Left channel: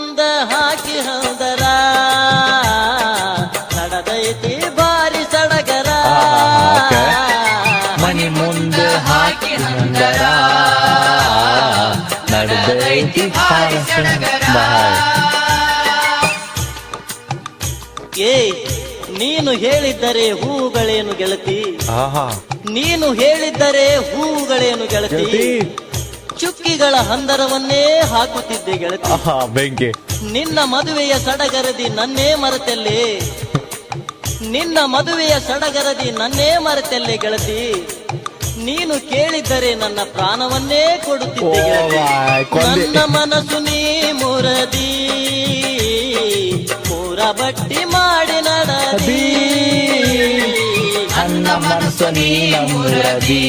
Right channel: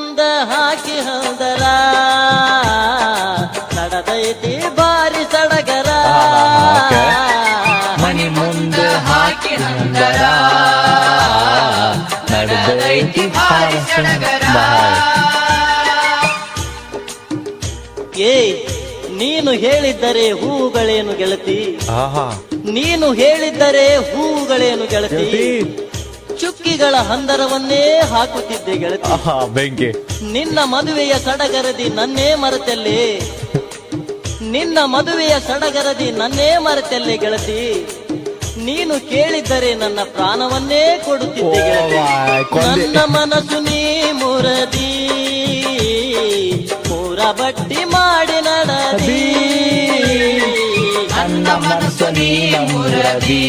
ಮುಂದ ಹಾಕಿ ಹೋದರ ನಡೆದೈತಿ ಬಾರಿ ಸಡಗರ. ಓಕೆ. ಮನಿ ಮುಂದೆ ಹಾಕಿ ನಂದರ ನಡೆದೈತಿ ಬಾಯ್. ಏ ನೀನು ಹೇಳಿದ್ದರೆ ಹೂವುಗಳೇನು ಗೆಳತಿ, ಆಹಾ ನೀನು ಹೇಳಿದ್ದರೆ ಹೂವುಗಳೇನು ಗೆಳತಿ, ಗೆಳತಿ. ಚುಕ್ಕಿಗಳ ಹಂದರವನ್ನೇ ಹಾಕುತ್ತಿದ್ದೆ ಗೆಳತಿ. ಆಹಾ ಬೆಂಕಿ. ನಿನ್ನ ಮದುವೆಯ ಸಡಗರದಿ ನನ್ನೇ ಮರೆತಲ್ಲೇ, ನಿನ್ನ ಮದುವೆಯ ಸಡಗರದಿ ನನ್ನೇ ಮರೆತಲ್ಲೇ ಗೆಳತಿ. ನೀನು ಕೇಳಿದ್ದರೆ ನನ್ನ ಪ್ರಾಣವನ್ನೇ ಕೊಡುತ್ತಿದ್ದೆ ಗೆಳತಿ. ಬಾಯ್ ಕೊಂದೆ. ನನ್ನ ಮನಸ್ಸು ನೀ ಮುರದಿ, ಮೂರ ಬಟ್ಟಿ ಮಾಡಿ ನಡದಿ. ನನ್ನ ಮನಸ್ಸು ನೀ ನಮ್ಮೂರದಿ